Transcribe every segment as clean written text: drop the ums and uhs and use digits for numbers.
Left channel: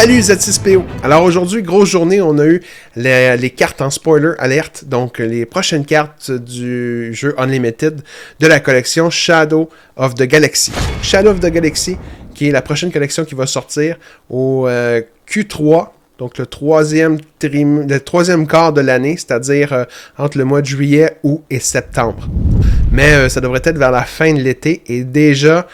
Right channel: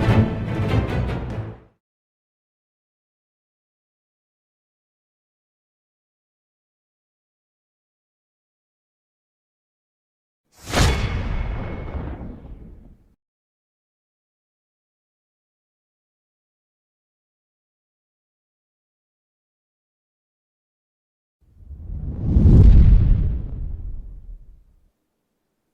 Salut Z6PO! Alors aujourd'hui, grosse journée, on a eu les cartes en spoiler alerte, donc les prochaines cartes du jeu Unlimited de la collection Shadow of the Galaxy. Shadow of the Galaxy, qui est la prochaine collection qui va sortir au Q3, donc le troisième quart de l'année, c'est-à-dire entre le mois de juillet, août et septembre. Mais ça devrait être vers la fin de l'été, et déjà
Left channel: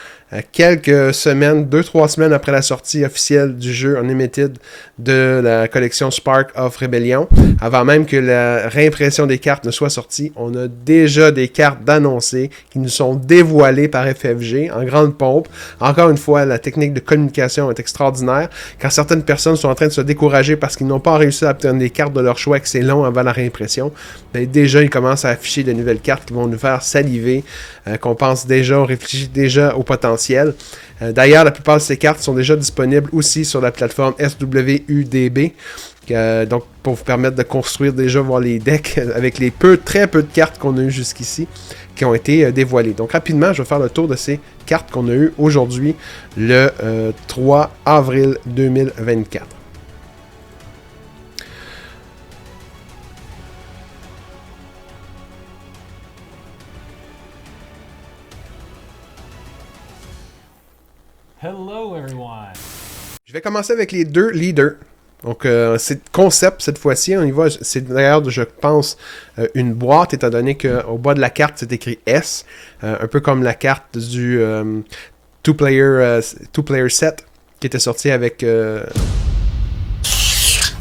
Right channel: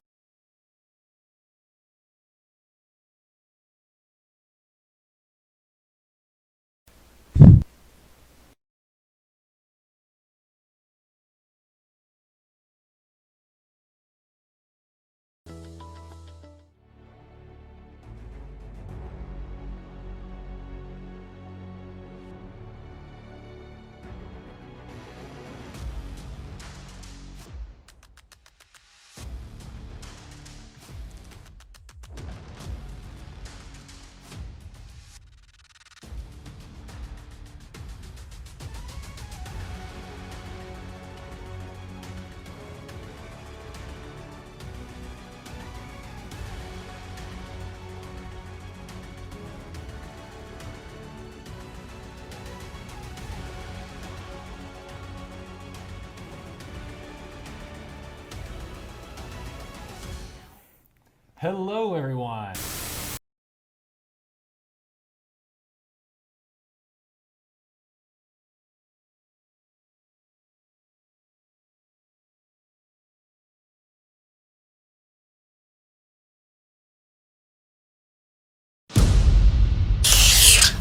quelques semaines, 2-3 semaines après la sortie officielle du jeu Unlimited de la collection Spark of Rebellion, avant même que la réimpression des cartes ne soit sortie, on a déjà des cartes d'annoncées qui nous sont dévoilées par FFG en grande pompe. Encore une fois, la technique de communication est extraordinaire. Quand certaines personnes sont en train de se décourager parce qu'ils n'ont pas réussi à obtenir des cartes de leur choix et que c'est long avant la réimpression, ben déjà ils commencent à afficher de nouvelles cartes qui vont nous faire saliver, qu'on pense déjà, on réfléchit déjà au potentiel. D'ailleurs, la plupart de ces cartes sont déjà disponibles aussi sur la plateforme SWUDB. Donc, pour vous permettre de construire déjà, voir les decks avec les très peu de cartes qu'on a eues jusqu'ici qui ont été dévoilées. Donc, rapidement, je vais faire le tour de ces cartes qu'on a eues aujourd'hui, le 3 avril 2024. Hello everyone! Je vais commencer avec les deux leaders. Donc, c'est concept cette fois-ci. On y va. C'est d'ailleurs, je pense, une boîte, étant donné qu'au bas de la carte, c'est écrit S. Un peu comme la carte du two-player set qui était sorti avec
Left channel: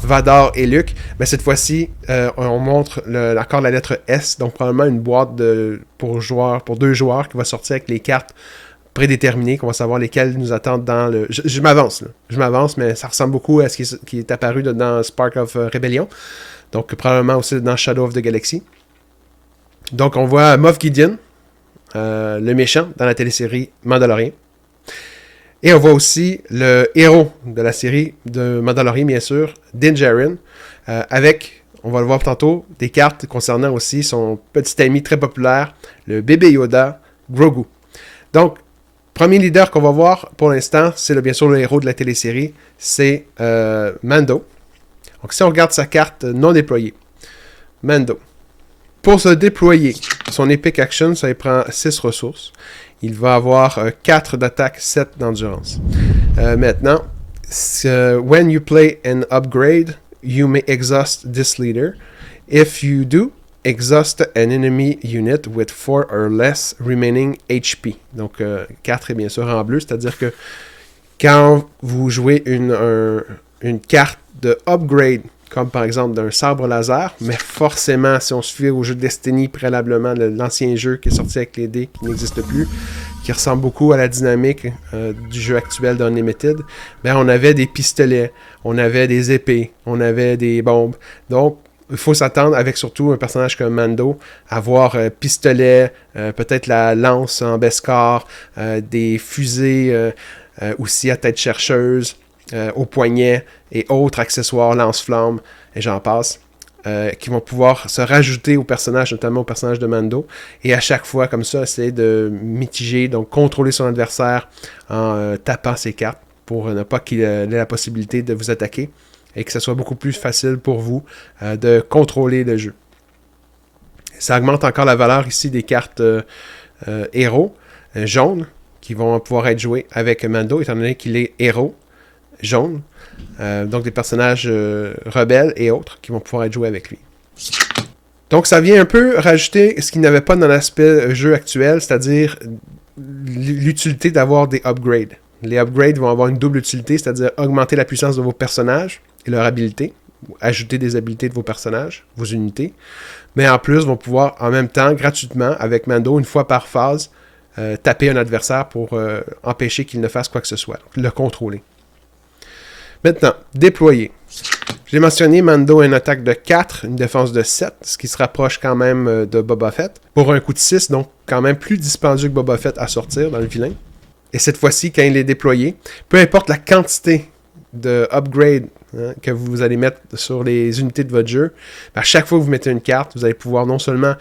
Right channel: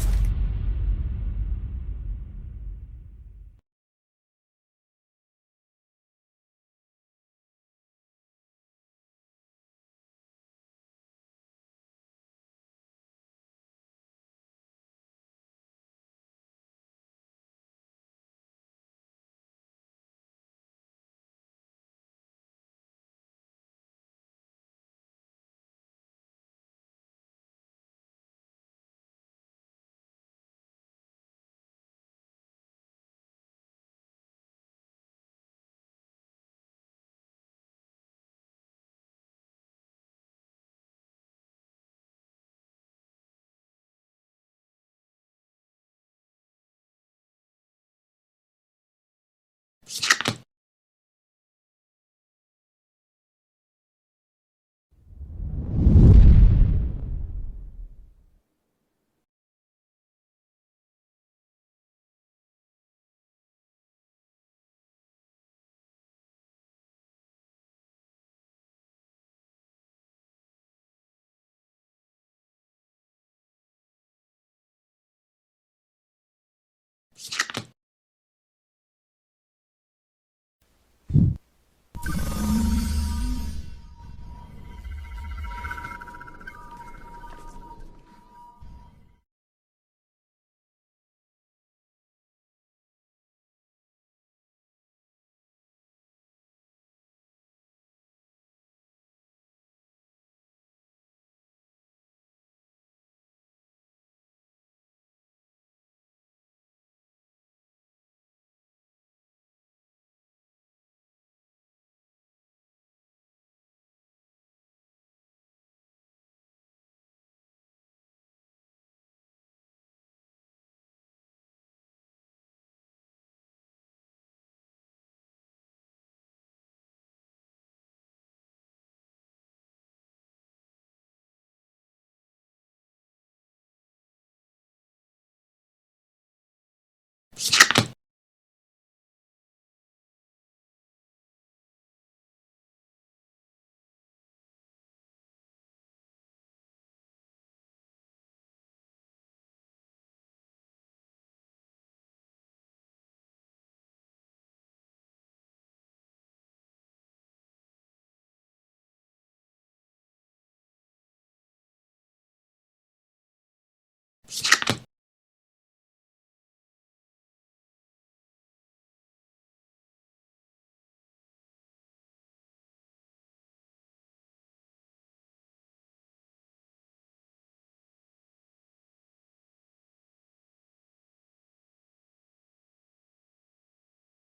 Vador et Luke. Mais cette fois-ci, on montre encore la lettre S. Donc, probablement une boîte pour deux joueurs qui va sortir avec les cartes prédéterminés, qu'on va savoir lesquels nous attendent dans le... Je m'avance, là. Je m'avance, mais ça ressemble beaucoup à ce qui est apparu dans Spark of Rebellion. Donc, probablement aussi dans Shadow of the Galaxy. Donc, on voit Moff Gideon, le méchant, dans la télésérie Mandalorian. Et on voit aussi le héros de la série de Mandalorian, bien sûr, Din Djarin, avec, on va le voir tantôt, des cartes concernant aussi son petit ami très populaire, le bébé Yoda, Grogu. Donc, premier leader qu'on va voir pour l'instant, c'est bien sûr le héros de la télésérie, c'est Mando. Donc si on regarde sa carte non déployée, Mando. Pour se déployer, son Epic Action, ça lui prend 6 ressources. Il va avoir 4 d'attaque, 7 d'endurance. Maintenant, when you play an upgrade, you may exhaust this leader. If you do, exhaust an enemy unit with 4 or less remaining HP. Donc, 4 est bien sûr en bleu, c'est-à-dire que quand vous jouez une carte de upgrade, comme par exemple d'un sabre laser, mais forcément, si on se fie au jeu Destiny préalablement, l'ancien jeu qui est sorti avec les dés, qui n'existe plus, qui ressemble beaucoup à la dynamique du jeu actuel d'Unlimited, ben on avait des pistolets, on avait des épées, on avait des bombes. Donc, il faut s'attendre, avec surtout un personnage comme Mando, à avoir pistolet, peut-être la lance en Beskar, des fusées aussi à tête chercheuse, au poignet et autres accessoires, lance-flammes, et j'en passe, qui vont pouvoir se rajouter au personnage, notamment au personnage de Mando, et à chaque fois, comme ça, essayer de mitiger, donc contrôler son adversaire en tapant ses cartes pour ne pas qu'il ait la possibilité de vous attaquer, et que ce soit beaucoup plus facile pour vous de contrôler le jeu. Ça augmente encore la valeur ici des cartes héros jaunes qui vont pouvoir être jouées avec Mando, étant donné qu'il est héros jaune. Donc des personnages rebelles et autres qui vont pouvoir être joués avec lui. Donc ça vient un peu rajouter ce qu'il n'y avait pas dans l'aspect jeu actuel, c'est-à-dire l'utilité d'avoir des upgrades. Les upgrades vont avoir une double utilité, c'est-à-dire augmenter la puissance de vos personnages et leur habilité, ajouter des habilités de vos personnages, vos unités, mais en plus vont pouvoir en même temps, gratuitement, avec Mando, une fois par phase, taper un adversaire pour empêcher qu'il ne fasse quoi que ce soit, le contrôler. Maintenant, déployer. J'ai mentionné, Mando a une attaque de 4, une défense de 7, ce qui se rapproche quand même de Boba Fett, pour un coût de 6, donc quand même plus dispendieux que Boba Fett à sortir dans le vilain. Et cette fois-ci, quand il est déployé, peu importe la quantité de upgrade que vous allez mettre sur les unités de votre jeu, à chaque fois que vous mettez une carte, vous allez pouvoir non seulement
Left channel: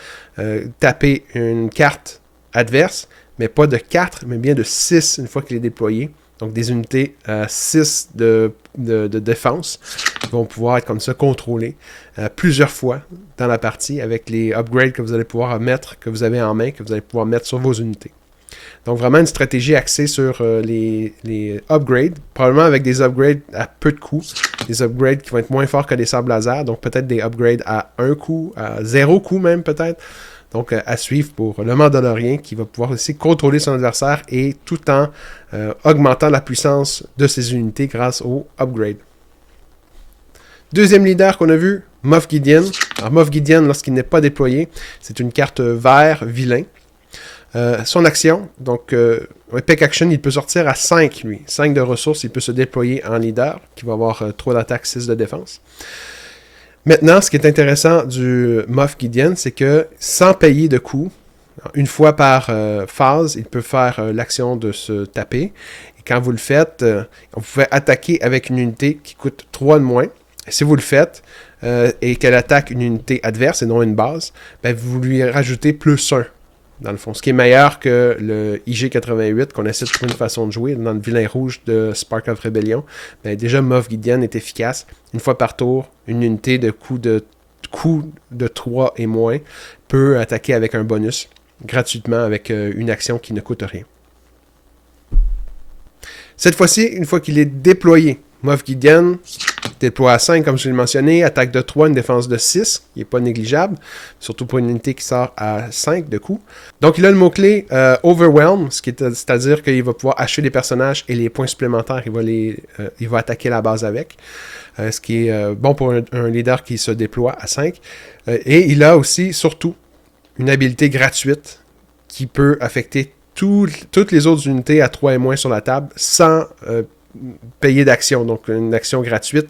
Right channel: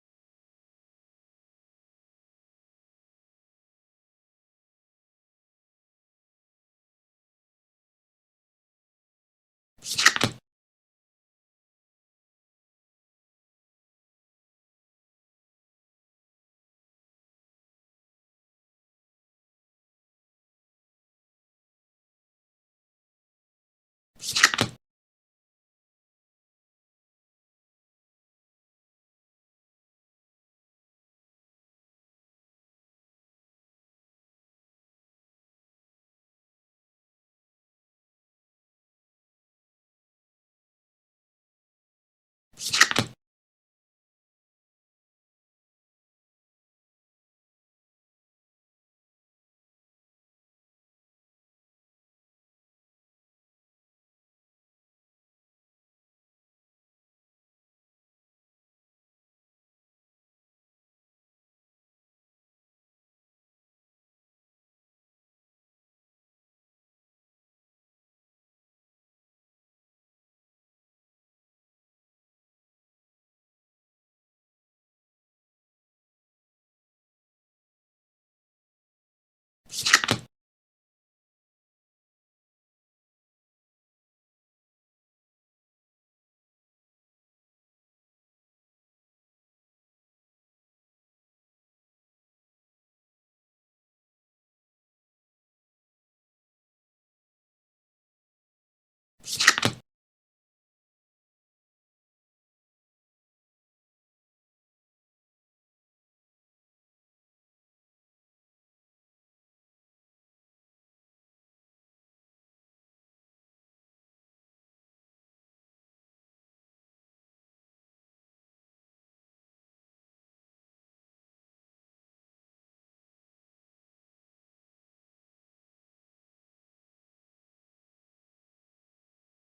taper une carte adverse, mais pas de 4, mais bien de 6 une fois qu'il est déployé, Donc des unités 6 de défense qui vont pouvoir être comme ça contrôlées plusieurs fois dans la partie avec les upgrades que vous allez pouvoir mettre, que vous avez en main, que vous allez pouvoir mettre sur vos unités. Donc vraiment une stratégie axée sur les upgrades, probablement avec des upgrades à peu de coûts, des upgrades qui vont être moins forts que des sabres laser, donc peut-être des upgrades à 1 coût, à 0 coût même peut-être. Donc à suivre pour le Mandalorien qui va pouvoir aussi contrôler son adversaire et tout en augmentant la puissance de ses unités grâce au upgrade. Deuxième leader qu'on a vu, Moff Gideon. Alors Moff Gideon, lorsqu'il n'est pas déployé, c'est une carte vert vilain. Son action, donc Epic Action, il peut sortir à 5 lui. 5 de ressources, il peut se déployer en leader, qui va avoir 3 d'attaque, 6 de défense. Maintenant, ce qui est intéressant du Moff Gideon, c'est que sans payer de coûts, une fois par phase, il peut faire l'action de se taper. Et quand vous le faites, vous pouvez attaquer avec une unité qui coûte 3 de moins. Et si vous le faites et qu'elle attaque une unité adverse et non une base, ben vous lui rajoutez plus 1. Dans le fond, ce qui est meilleur que le IG-88 qu'on essaie de trouver une façon de jouer dans le vilain rouge de Spark of Rebellion. Ben déjà, Moff Gideon est efficace. Une fois par tour, une unité de coup de 3 et moins peut attaquer avec un bonus gratuitement avec une action qui ne coûte rien. Cette fois-ci, une fois qu'il est déployé, Moff Gideon déploie à 5, comme je l'ai mentionné, attaque de 3, une défense de 6, qui n'est pas négligeable, surtout pour une unité qui sort à 5 de coups. Donc il a le mot-clé Overwhelm, c'est-à-dire qu'il va pouvoir acheter les personnages et les points supplémentaires, il va attaquer la base avec, ce qui est bon pour un leader qui se déploie à 5. Et il a aussi, surtout, une habilité gratuite qui peut affecter toutes les autres unités à 3 et moins sur la table sans payer d'action, donc une action gratuite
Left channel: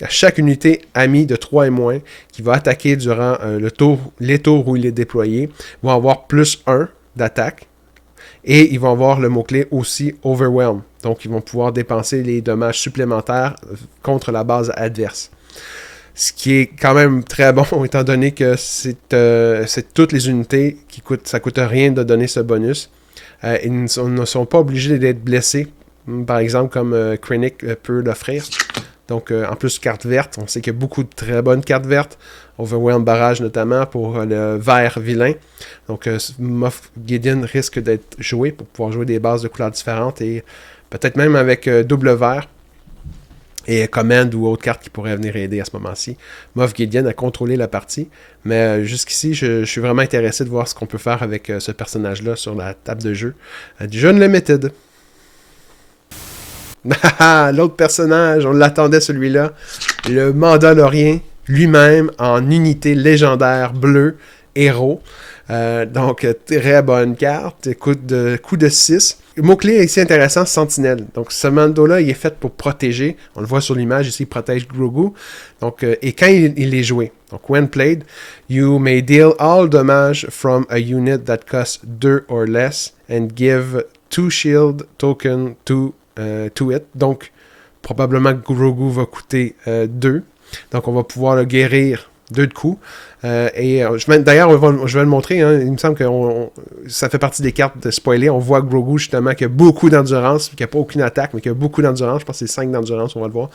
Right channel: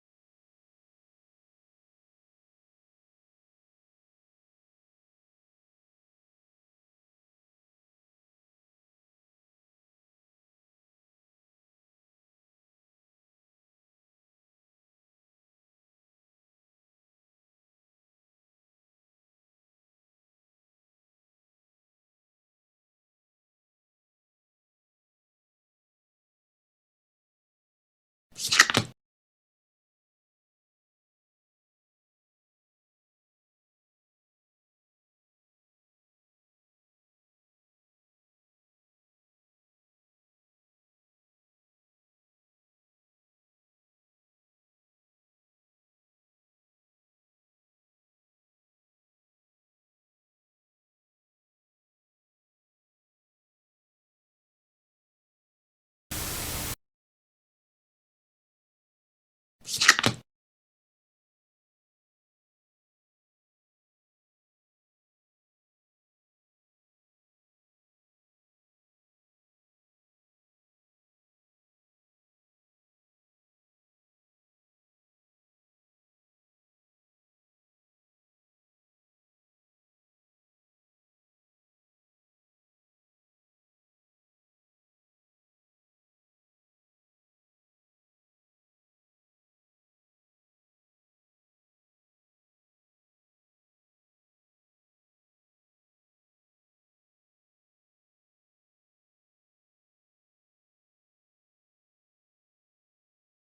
à chaque unité amie de 3 et moins qui va attaquer durant les tours où il est déployé vont avoir plus 1 d'attaque et ils vont avoir le mot-clé aussi Overwhelm, donc ils vont pouvoir dépenser les dommages supplémentaires contre la base adverse. Ce qui est quand même très bon, étant donné que c'est toutes les unités ça coûte rien de donner ce bonus. Ils ne sont pas obligés d'être blessés, par exemple, comme Krennic peut l'offrir. Donc, en plus, carte verte. On sait qu'il y a beaucoup de très bonnes cartes vertes. Overwhelm Barrage, notamment, pour le vert vilain. Donc, Moff Gideon risque d'être joué pour pouvoir jouer des bases de couleurs différentes et peut-être même avec double vert et Command ou autre carte qui pourrait venir aider à ce moment-ci. Moff Gideon a contrôlé la partie, mais jusqu'ici, je suis vraiment intéressé de voir ce qu'on peut faire avec ce personnage-là sur la table de jeu. Du Unlimited. L'autre personnage, on l'attendait celui-là. Le Mandalorien lui-même en unité légendaire bleue, héros. Donc, très bonne carte. Coup de 6. Le mot-clé ici intéressant, Sentinelle. Donc, ce Mando-là, il est fait pour protéger. On le voit sur l'image ici, il protège Grogu. Donc, et quand il est joué, donc, when played, you may deal all damage from a unit that costs 2 or less and give 2 shield token to it. Donc, probablement que Grogu va coûter 2. Donc, on va pouvoir le guérir 2 de coups. D'ailleurs, je vais le montrer. Hein, il me semble que ça fait partie des cartes de spoiler. On voit Grogu, justement, qui a beaucoup d'endurance, qui n'a pas aucune attaque, mais qui a beaucoup d'endurance. Je pense que c'est 5 d'endurance, on va le voir.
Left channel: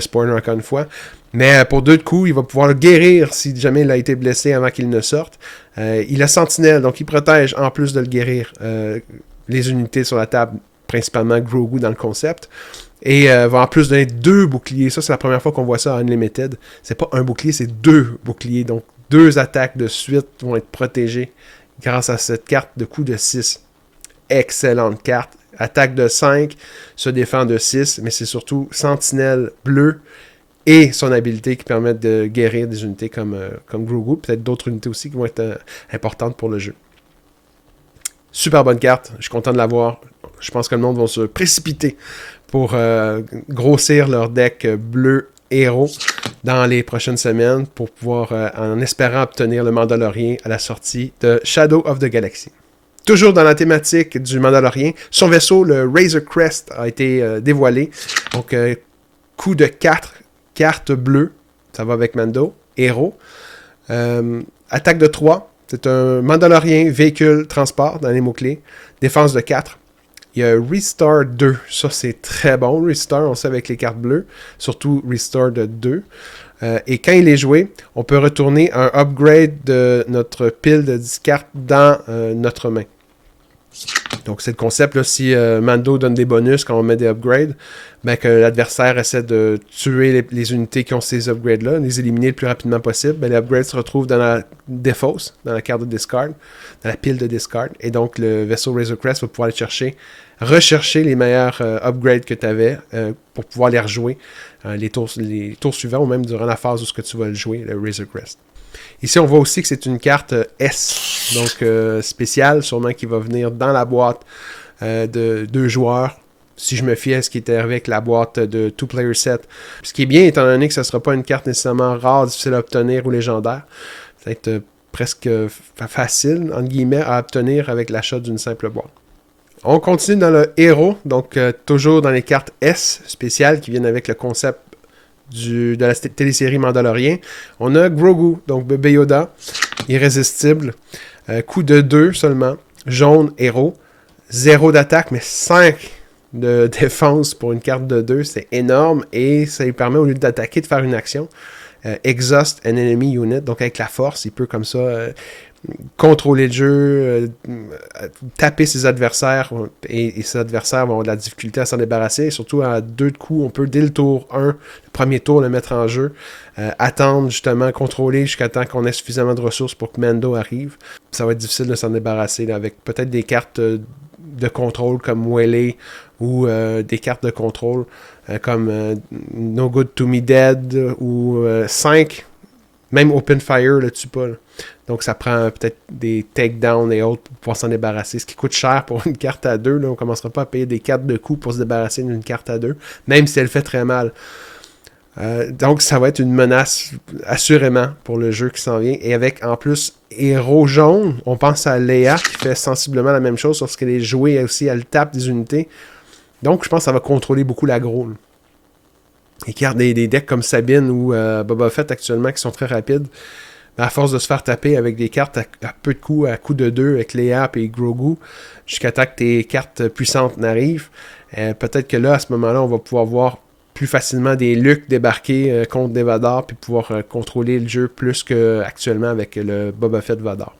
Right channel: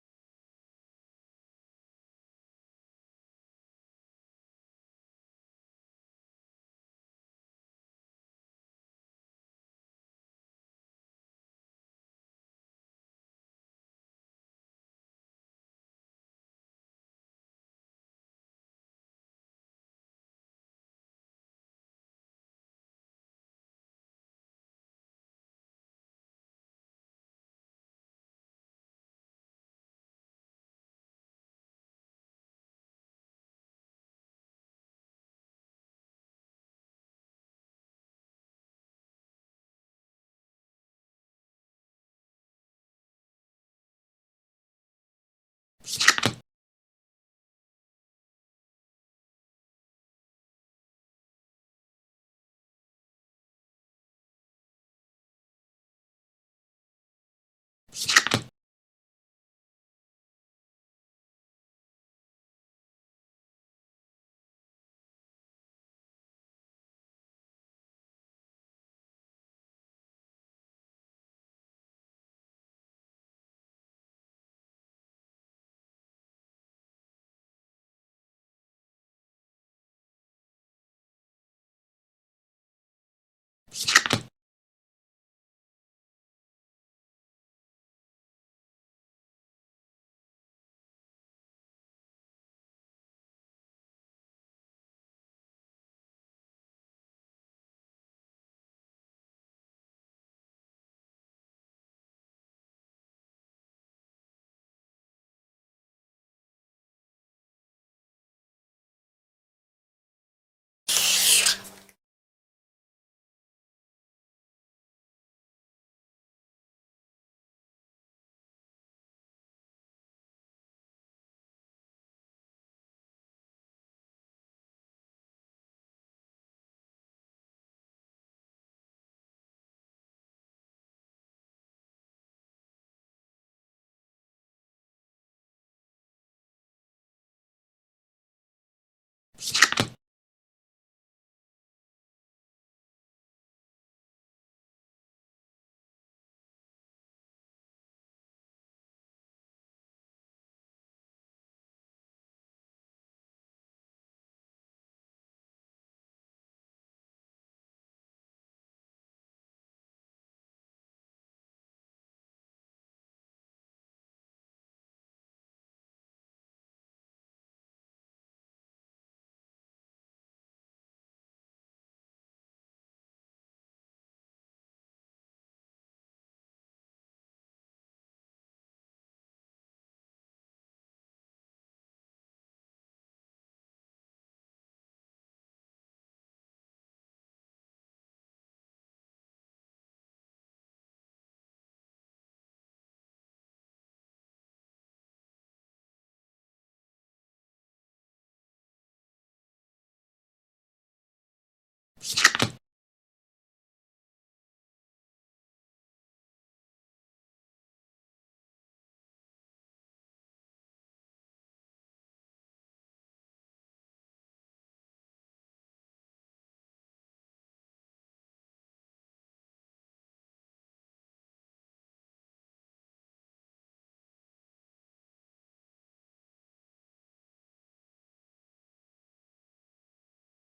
Spoiler encore une fois. Mais pour 2 de coups, il va pouvoir le guérir si jamais il a été blessé avant qu'il ne sorte. Il a Sentinelle, donc il protège, en plus de le guérir, les unités sur la table, principalement Grogu dans le concept. Et va en plus donner 2 boucliers. Ça, c'est la première fois qu'on voit ça à Unlimited. C'est pas un bouclier, c'est 2 boucliers. Donc, 2 attaques de suite vont être protégées grâce à cette carte de coup de 6. Excellente carte. Attaque de 5, se défend de 6, mais c'est surtout Sentinelle bleu et son habilité qui permet de guérir des unités comme Grogu. Peut-être d'autres unités aussi qui vont être importantes pour le jeu. Super bonne carte. Je suis content de l'avoir. Je pense que le monde va se précipiter pour grossir leur deck bleu héros dans les prochaines semaines pour pouvoir, en espérant obtenir le Mandalorien à la sortie de Shadow of the Galaxy. Toujours dans la thématique du Mandalorien, son vaisseau, le Razor Crest, a été dévoilé. Donc, coup de 4, carte bleue, ça va avec Mando, héros. Attaque de 3, c'est un Mandalorien véhicule transport dans les mots-clés. Défense de 4. Il y a Restore 2. Ça, c'est très bon. Restore, on sait avec les cartes bleues. Surtout Restore de 2. Et quand il est joué, on peut retourner un upgrade de notre pile de 10 cartes dans notre main. Donc, c'est le concept, là, si Mando donne des bonus quand on met des upgrades, ben, que l'adversaire essaie de tuer les unités qui ont ces upgrades-là, les éliminer le plus rapidement possible, ben, les upgrades se retrouvent dans la défausse, dans la carte de discard, dans la pile de discard, et donc le vaisseau Razor Crest va pouvoir aller rechercher les meilleurs upgrades que tu avais pour pouvoir les rejouer les tours suivants ou même durant la phase où ce que tu vas le jouer, le Razor Crest. Ici, on voit aussi que c'est une carte S, donc spéciale, sûrement qui va venir dans la boîte de 2 joueurs. Si je me fie à ce qui était avec la boîte de 2-player set. Ce qui est bien, étant donné que ce ne sera pas une carte nécessairement rare, difficile à obtenir ou légendaire. Ça va être presque facile, entre guillemets, à obtenir avec l'achat d'une simple boîte. On continue dans le héros, donc toujours dans les cartes S spéciales qui viennent avec le concept de la télésérie Mandalorian. On a Grogu, donc bébé Yoda, irrésistible, coup de 2 seulement, jaune, héros, 0 d'attaque, mais 5 de défense pour une carte de 2, c'est énorme, et ça lui permet, au lieu d'attaquer, de faire une action. Exhaust an enemy unit, donc avec la force, il peut comme ça contrôler le jeu, taper ses adversaires, et ses adversaires vont avoir de la difficulté à s'en débarrasser, et surtout à 2 de coups, on peut dès le tour 1, le premier tour, le mettre en jeu, attendre justement, contrôler jusqu'à temps qu'on ait suffisamment de ressources pour que Mando arrive. Ça va être difficile de s'en débarrasser là, avec peut-être des cartes de contrôle comme Wele ou des cartes de contrôle comme No Good To Me Dead ou 5, même Open Fire le tue pas. Là. Donc ça prend peut-être des takedowns et autres pour pouvoir s'en débarrasser, ce qui coûte cher pour une carte à 2. Là. On ne commencera pas à payer des cartes de coups pour se débarrasser d'une carte à 2, même si elle fait très mal. Donc ça va être une menace assurément pour le jeu qui s'en vient. Et avec en plus héros jaune, on pense à Leia qui fait sensiblement la même chose lorsqu'elle est jouée aussi, elle tape des unités. Donc je pense que ça va contrôler beaucoup l'aggro. Et qu'il y a des decks comme Sabine ou Boba Fett actuellement qui sont très rapides. À force de se faire taper avec des cartes à peu de coups, à coup de 2 avec Leia et Grogu, jusqu'à temps que tes cartes puissantes n'arrivent, peut-être que là, à ce moment-là, on va pouvoir voir plus facilement des Luke débarquer contre des Vador, puis pouvoir contrôler le jeu plus qu'actuellement avec le Boba Fett Vador.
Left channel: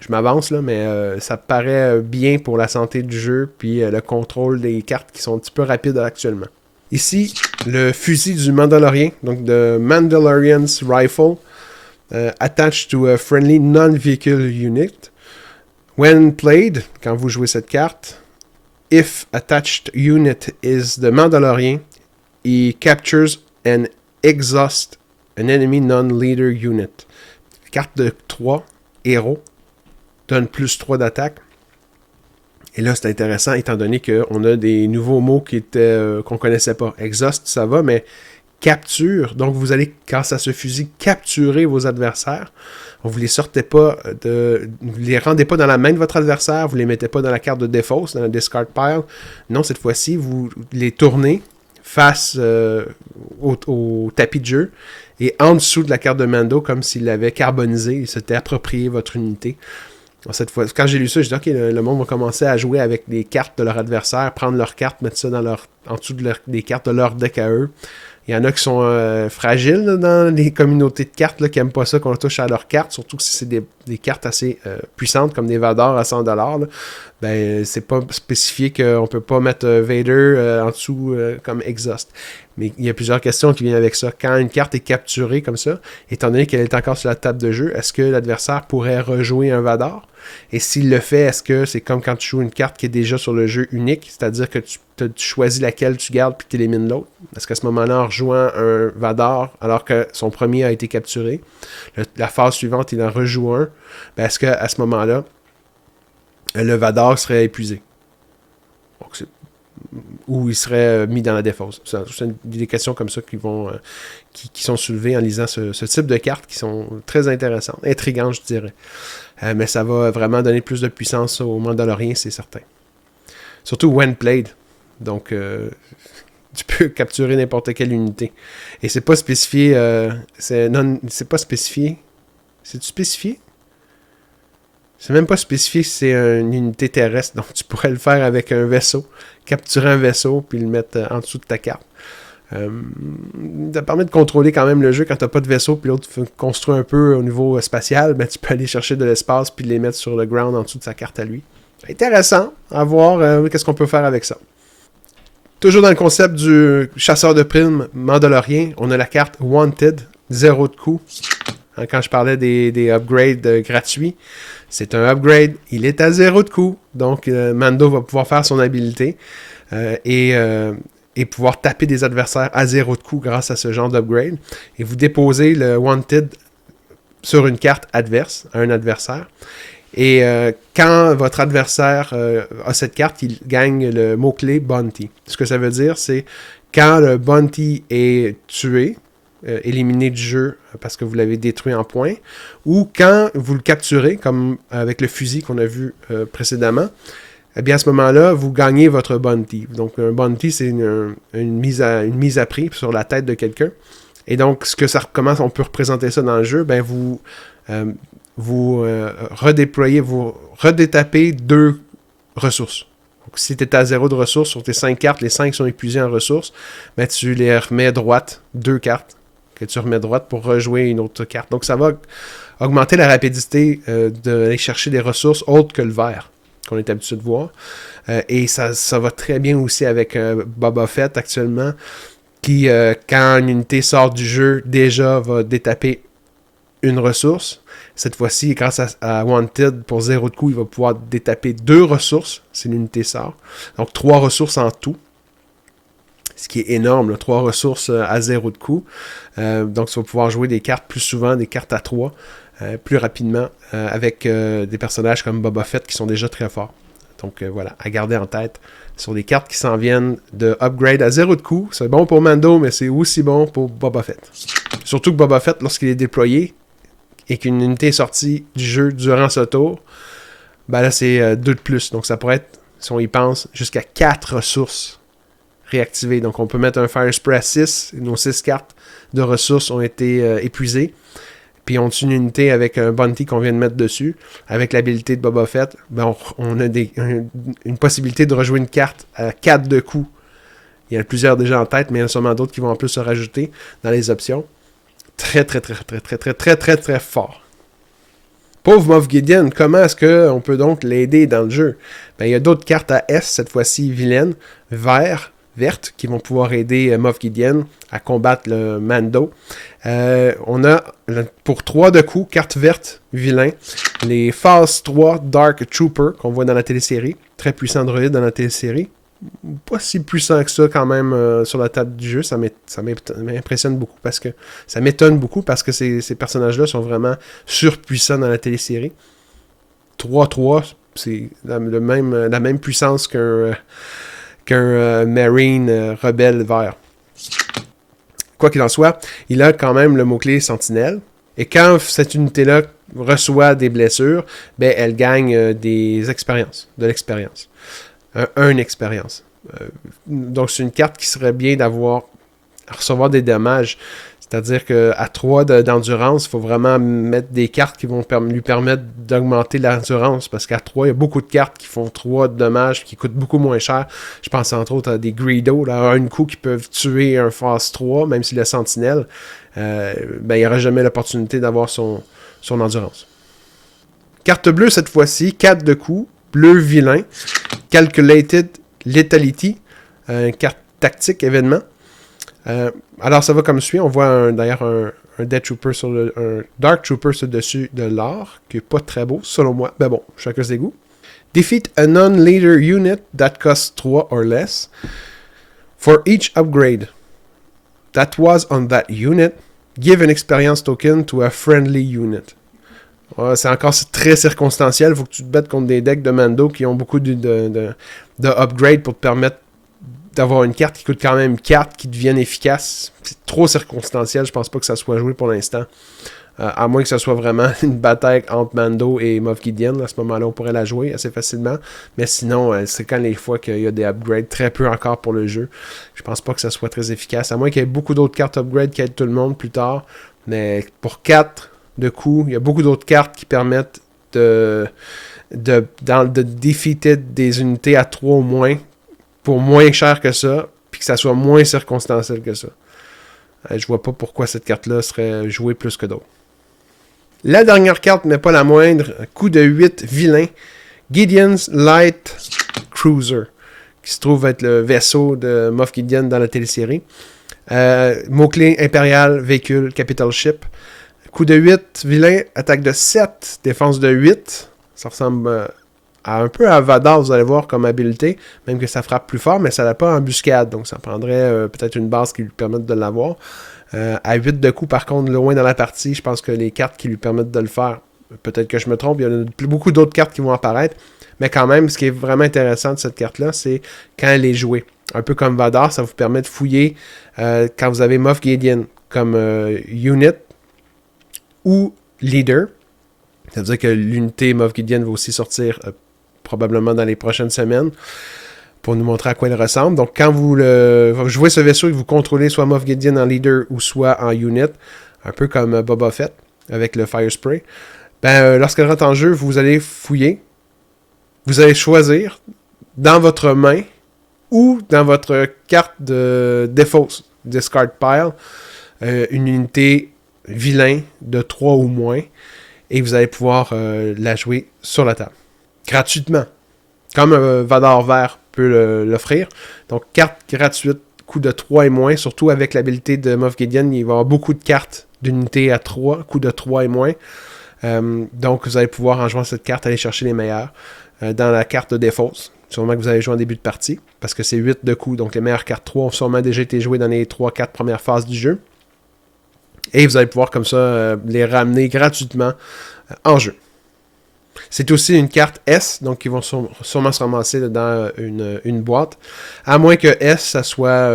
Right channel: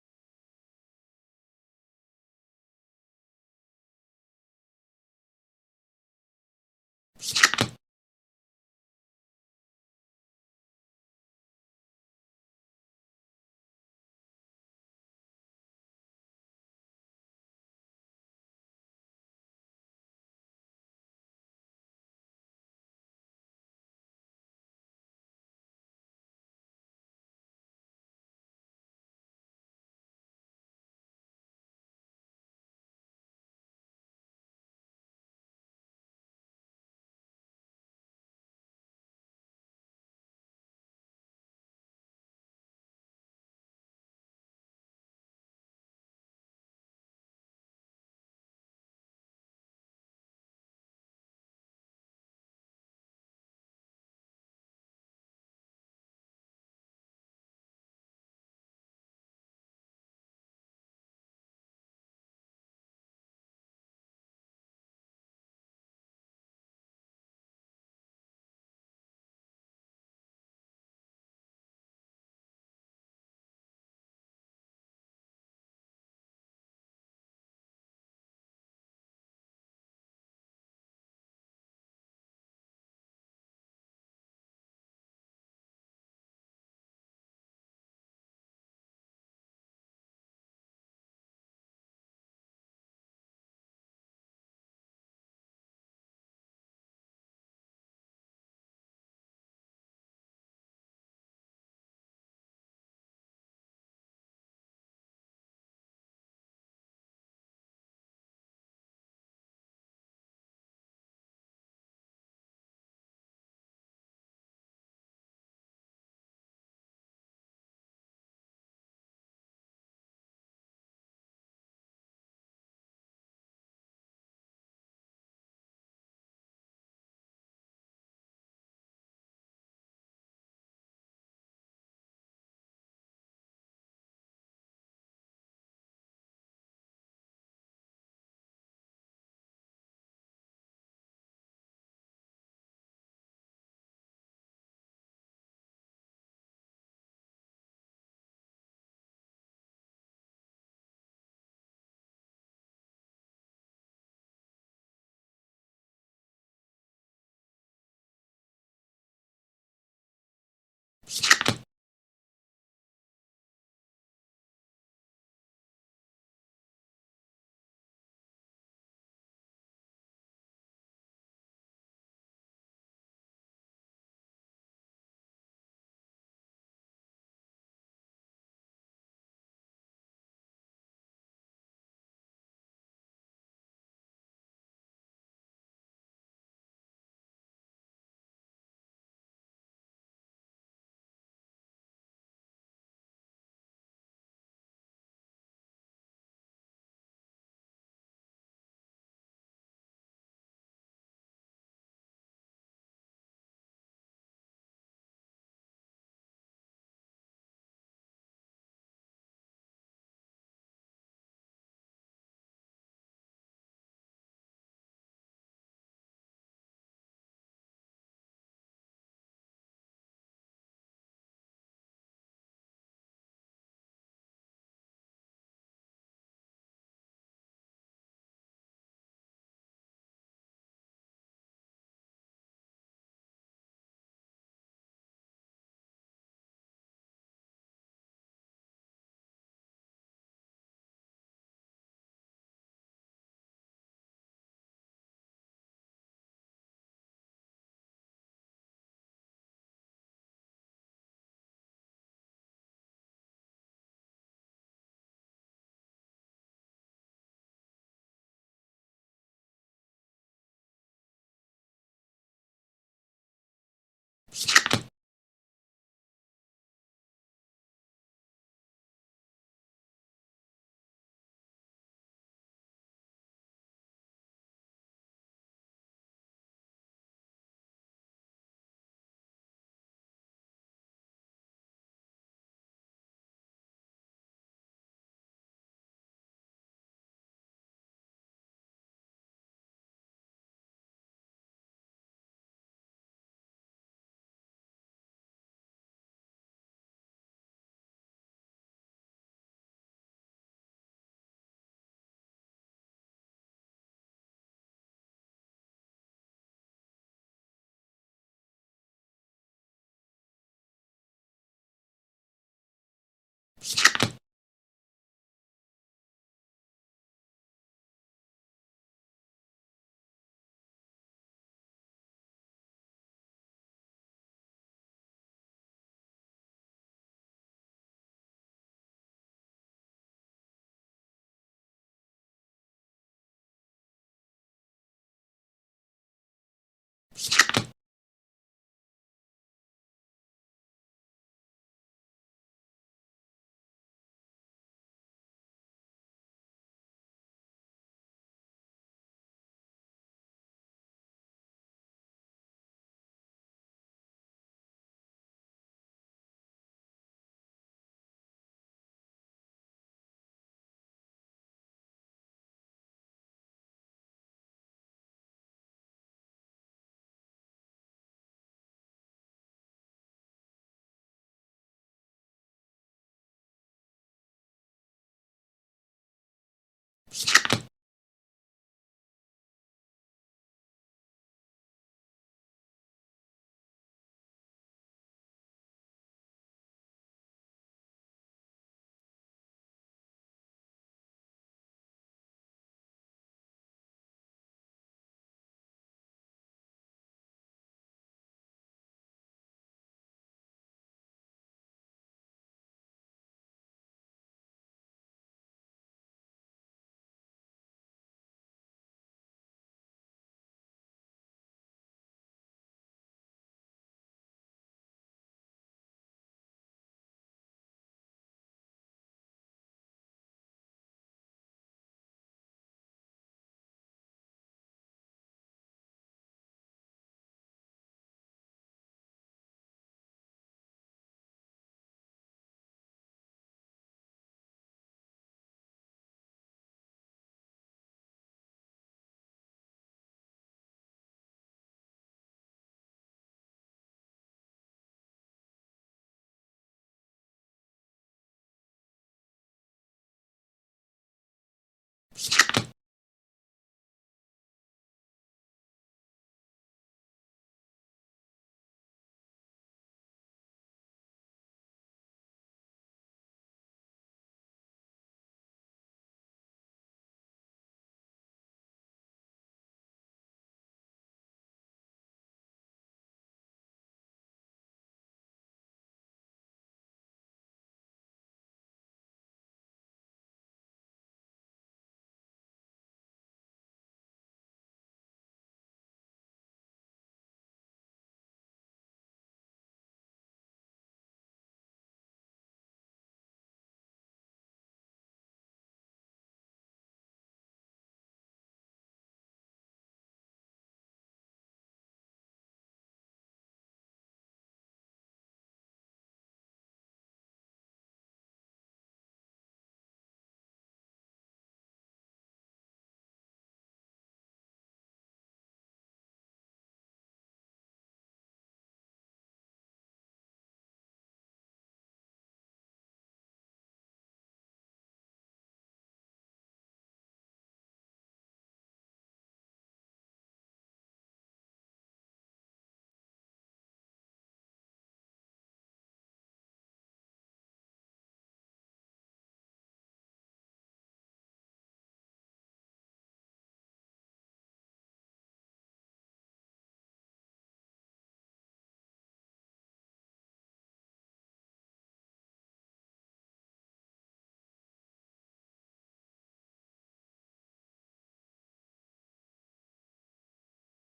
Je m'avance là, mais ça paraît bien pour la santé du jeu, puis le contrôle des cartes qui sont un petit peu rapides actuellement. Ici, le fusil du Mandalorian, donc de Mandalorian's Rifle, attached to a friendly non-vehicle unit. When played, quand vous jouez cette carte, if attached unit is the Mandalorian, he captures and exhausts an enemy non-leader unit. Carte de 3, héros, donne plus 3 d'attaque. Et là, c'est intéressant, étant donné qu'on a des nouveaux mots qu'on connaissait pas. Exhaust, ça va, mais capture. Donc, vous allez, grâce à ce fusil, capturer vos adversaires. Vous les sortez pas vous les rendez pas dans la main de votre adversaire, vous les mettez pas dans la carte de défausse, dans la discard pile. Non, cette fois-ci, vous les tournez face au tapis de jeu et en dessous de la carte de Mando, comme s'il l'avait carbonisé, il s'était approprié votre unité. Alors, cette fois, quand j'ai lu ça, j'ai dit ok, le monde va commencer à jouer avec les cartes de leur adversaire, prendre leurs cartes, mettre ça en dessous des cartes de leur deck à eux. Il y en a qui sont fragiles là, dans les communautés de cartes là, qui n'aiment pas ça qu'on touche à leurs cartes, surtout si c'est des cartes assez puissantes comme des Vador à 100$. Là, ben, c'est pas spécifié qu'on peut pas mettre Vader en dessous comme exhaust. Mais il y a plusieurs questions qui viennent avec ça. Quand une carte est capturée comme ça, étant donné qu'elle est encore sur la table de jeu, est-ce que l'adversaire pourrait rejouer un Vador? Et s'il le fait, est-ce que c'est comme quand tu joues une carte qui est déjà sur le jeu unique, c'est-à-dire que tu choisis laquelle tu gardes puis tu élimines l'autre? Est-ce qu'à ce moment-là, en rejouant un Vador, alors que son premier a été capturé, la phase suivante, il en rejoue un, ben est-ce qu'à ce moment-là, le Vador serait épuisé? Donc, ou il serait mis dans la défausse. C'est des questions comme ça qui sont soulevées en lisant ce type de cartes qui sont très intéressantes, intrigantes, je dirais. Mais ça va vraiment donner plus de puissance au Mandalorian, c'est certain. Surtout when played. Donc, tu peux capturer n'importe quelle unité. Et c'est pas spécifié. C'est pas spécifié. C'est-tu spécifié? C'est même pas spécifié si c'est une unité terrestre, donc tu pourrais le faire avec un vaisseau, capturer un vaisseau, puis le mettre en dessous de ta carte. Ça permet de contrôler quand même le jeu quand t'as pas de vaisseau, puis l'autre construit un peu au niveau spatial, ben tu peux aller chercher de l'espace, puis les mettre sur le ground en dessous de sa carte à lui. Intéressant à voir qu'est-ce qu'on peut faire avec ça. Toujours dans le concept du chasseur de primes mandalorien, on a la carte Wanted, 0 de coût. Quand je parlais des upgrades gratuits, c'est un upgrade, il est à 0 de coût. Donc Mando va pouvoir faire son habilité et pouvoir taper des adversaires à 0 de coût grâce à ce genre d'upgrade. Et vous déposez le Wanted sur une carte adverse, à un adversaire. Et quand votre adversaire a cette carte, il gagne le mot-clé Bounty. Ce que ça veut dire, c'est quand le Bounty est tué, éliminé du jeu parce que vous l'avez détruit en points, ou quand vous le capturez, comme avec le fusil qu'on a vu précédemment, eh bien à ce moment-là, vous gagnez votre Bounty. Donc un Bounty, c'est une mise à prix sur la tête de quelqu'un. Et donc, comment on peut représenter ça dans le jeu? Ben vous redéployez, vous redétapez 2 ressources. Donc, si tu es à 0 de ressources sur tes 5 cartes, les 5 sont épuisées en ressources, ben, tu les remets droite, 2 cartes que tu remets droite pour rejouer une autre carte. Donc ça va augmenter la rapidité d'aller chercher des ressources autres que le vert, qu'on est habitué de voir. Et ça va très bien aussi avec Boba Fett actuellement, qui, quand une unité sort du jeu, déjà va détaper une ressource. Cette fois-ci, grâce à Wanted, pour 0 de coût, il va pouvoir détaper 2 ressources si l'unité sort. Donc 3 ressources en tout. Ce qui est énorme, là, 3 ressources à 0 de coût. Donc tu vas pouvoir jouer des cartes plus souvent, des cartes à 3, plus rapidement, avec des personnages comme Boba Fett qui sont déjà très forts. Donc voilà, à garder en tête. Sur des cartes qui s'en viennent de upgrade à 0 de coût. C'est bon pour Mando, mais c'est aussi bon pour Boba Fett. Surtout que Boba Fett, lorsqu'il est déployé, et qu'une unité est sortie du jeu durant ce tour, ben là, c'est 2 de plus. Donc, ça pourrait être, si on y pense, jusqu'à 4 ressources réactivées. Donc, on peut mettre un Fire Spray à 6. Nos 6 cartes de ressources ont été épuisées. Puis, on tue une unité avec un Bounty qu'on vient de mettre dessus. Avec l'habilité de Boba Fett, ben on a une possibilité de rejouer une carte à 4 de coups. Il y en a plusieurs déjà en tête, mais il y en a sûrement d'autres qui vont en plus se rajouter dans les options. Très, très, très, très, très, très, très, très, très fort. Pauvre Moff Gideon, comment est-ce qu'on peut donc l'aider dans le jeu? Ben, il y a d'autres cartes à S, cette fois-ci vilaines, vertes, qui vont pouvoir aider Moff Gideon à combattre le Mando. On a, pour 3 de coups, carte verte, vilain, les Phase 3 Dark Trooper, qu'on voit dans la télésérie. Très puissant droïde dans la télésérie. Pas si puissant que ça quand même sur la table du jeu. Ça m'impressionne beaucoup parce que ça m'étonne beaucoup parce que ces personnages-là sont vraiment surpuissants dans la télésérie. 3-3, c'est la même puissance qu'un Marine rebelle vert. Quoi qu'il en soit, il a quand même le mot-clé Sentinelle. Et quand cette unité-là reçoit des blessures, ben elle gagne des expériences, de l'expérience. Une expérience. Donc, c'est une carte qui serait bien à recevoir des dommages. C'est-à-dire qu'à 3 d'endurance, il faut vraiment mettre des cartes qui vont lui permettre d'augmenter l'endurance. Parce qu'à 3, il y a beaucoup de cartes qui font 3 de dommages, qui coûtent beaucoup moins cher. Je pense entre autres à des Greedo, là, un coup qui peuvent tuer un Phase 3, même si le Sentinelle, ben, il n'y aura jamais l'opportunité d'avoir son endurance. Carte bleue cette fois-ci, 4 de coups, bleu vilain. Calculated Lethality, carte tactique événement. Alors ça va comme suit. On voit d'ailleurs un Death Trooper un Dark Trooper sur le dessus de l'or, qui est pas très beau selon moi. Ben bon, chacun ses goûts. Defeat a non-leader unit that costs 3 or less. For each upgrade that was on that unit, give an experience token to a friendly unit. C'est encore très circonstanciel. Il faut que tu te battes contre des decks de Mando qui ont beaucoup de upgrade pour te permettre d'avoir une carte qui coûte quand même 4 qui devienne efficace. C'est trop circonstanciel. Je pense pas que ça soit joué pour l'instant. À moins que ce soit vraiment une bataille entre Mando et Moff Gideon. À ce moment-là, on pourrait la jouer assez facilement. Mais sinon, c'est quand les fois qu'il y a des upgrades. Très peu encore pour le jeu. Je pense pas que ça soit très efficace. À moins qu'il y ait beaucoup d'autres cartes upgrade qui aident tout le monde plus tard. Mais pour 4 de coup, il y a beaucoup d'autres cartes qui permettent de defeated des unités à 3 ou moins pour moins cher que ça, puis que ça soit moins circonstanciel que ça. Je vois pas pourquoi cette carte-là serait jouée plus que d'autres. La dernière carte, mais pas la moindre, coup de 8 vilain, Gideon's Light Cruiser, qui se trouve être le vaisseau de Moff Gideon dans la télésérie. Mot-clé impérial, véhicule, capital ship. Coup de 8, vilain, attaque de 7, défense de 8. Ça ressemble un peu à Vadar, vous allez voir, comme habileté, même que ça frappe plus fort, mais ça n'a pas embuscade, donc ça prendrait peut-être une base qui lui permette de l'avoir. À 8 de coups, par contre, loin dans la partie, je pense que les cartes qui lui permettent de le faire, peut-être que je me trompe, il y en a beaucoup d'autres cartes qui vont apparaître, mais quand même, ce qui est vraiment intéressant de cette carte-là, c'est quand elle est jouée. Un peu comme Vadar, ça vous permet de fouiller quand vous avez Moff Gideon comme unit ou leader. Ça veut dire que l'unité Moff Gideon va aussi sortir probablement dans les prochaines semaines pour nous montrer à quoi il ressemble. Donc, quand vous jouez ce vaisseau et que vous contrôlez soit Moff Gideon en leader ou soit en unit, un peu comme Boba Fett avec le Fire Spray, lorsqu'elle rentre en jeu, vous allez fouiller. Vous allez choisir dans votre main ou dans votre carte de Default Discard Pile une unité vilain de 3 ou moins et vous allez pouvoir la jouer sur la table. Gratuitement. Comme Vadar Vert peut l'offrir. Donc, carte gratuite, coût de 3 et moins, surtout avec l'habilité de Moff Gideon, il va y avoir beaucoup de cartes d'unités à 3, coût de 3 et moins. Donc, vous allez pouvoir, en jouant cette carte, aller chercher les meilleurs. Dans la carte de défausse, sûrement que vous allez jouer en début de partie, parce que c'est 8 de coups, donc les meilleures cartes 3 ont sûrement déjà été jouées dans les 3-4 premières phases du jeu. Et vous allez pouvoir comme ça les ramener gratuitement en jeu. C'est aussi une carte S, donc qui vont sûrement se ramasser dans une boîte. À moins que S, ça soit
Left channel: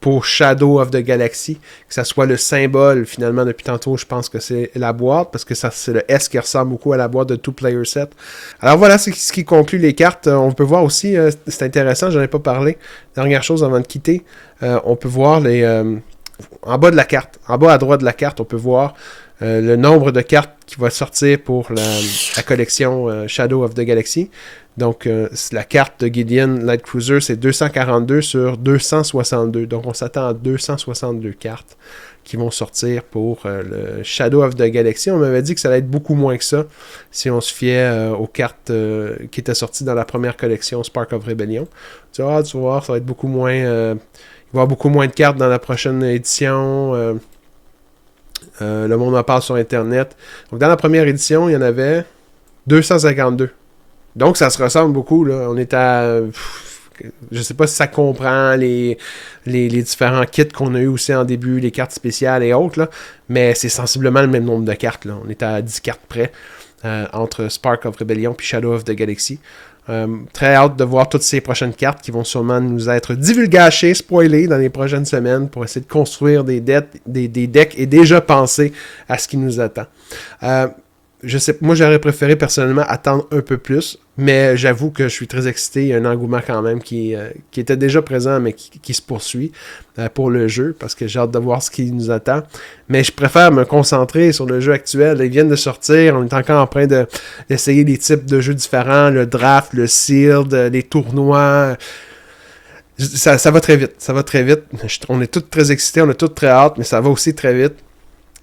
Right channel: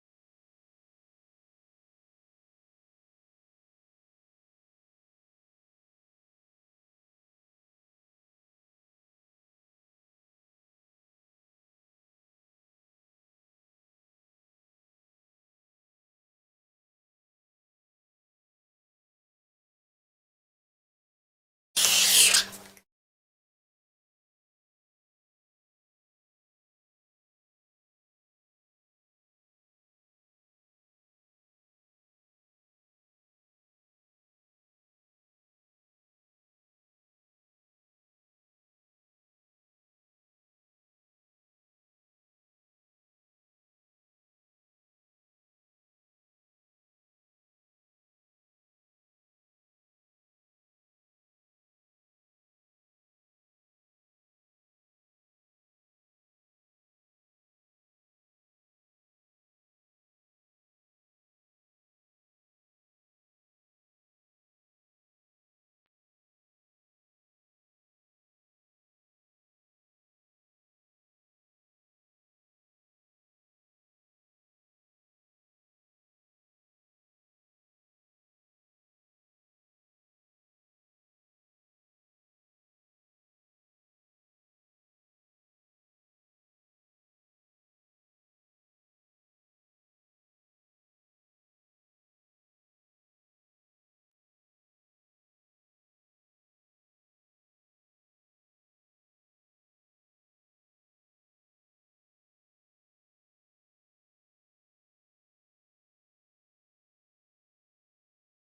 pour Shadow of the Galaxy, que ça soit le symbole, finalement, depuis tantôt, je pense que c'est la boîte, parce que ça, c'est le S qui ressemble beaucoup à la boîte de Two Player Set. Alors voilà, c'est ce qui conclut les cartes. On peut voir aussi, c'est intéressant, j'en ai pas parlé. Dernière chose avant de quitter, on peut voir en bas de la carte, en bas à droite de la carte, on peut voir le nombre de cartes qui va sortir pour la collection Shadow of the Galaxy. Donc, la carte de Gideon Light Cruiser, c'est 242 sur 262. Donc, on s'attend à 262 cartes qui vont sortir pour le Shadow of the Galaxy. On m'avait dit que ça allait être beaucoup moins que ça si on se fiait aux cartes qui étaient sorties dans la première collection Spark of Rebellion. Tu vas voir, ça va être beaucoup moins... il va y avoir beaucoup moins de cartes dans la prochaine édition. Le monde en parle sur Internet. Donc, dans la première édition, il y en avait 252. Donc, ça se ressemble beaucoup. Là. On est à... je sais pas si ça comprend les différents kits qu'on a eu aussi en début, les cartes spéciales et autres, là, mais c'est sensiblement le même nombre de cartes. Là. On est à 10 cartes près entre Spark of Rebellion et Shadow of the Galaxy. Très hâte de voir toutes ces prochaines cartes qui vont sûrement nous être divulgachées, spoilées dans les prochaines semaines pour essayer de construire des decks et déjà penser à ce qui nous attend. Moi, j'aurais préféré personnellement attendre un peu plus, mais j'avoue que je suis très excité. Il y a un engouement quand même qui était déjà présent, mais qui se poursuit pour le jeu, parce que j'ai hâte de voir ce qui nous attend. Mais je préfère me concentrer sur le jeu actuel. Ils viennent de sortir, on est encore en train d'essayer des types de jeux différents, le draft, le sealed, les tournois. Ça va très vite, ça va très vite. On est tous très excités, on a tous très hâte, mais ça va aussi très vite.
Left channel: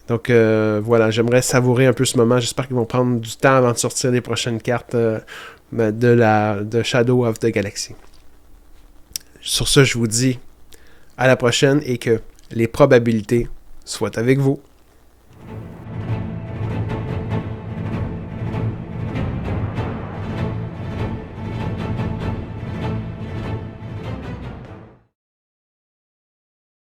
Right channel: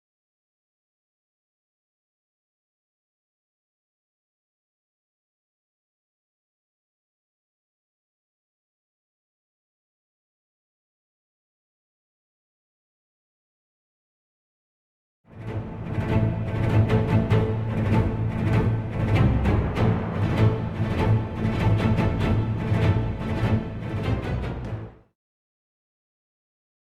Donc voilà, j'aimerais savourer un peu ce moment. J'espère qu'ils vont prendre du temps avant de sortir les prochaines cartes de Shadow of the Galaxy. Sur ce, je vous dis à la prochaine et que les probabilités soient avec vous.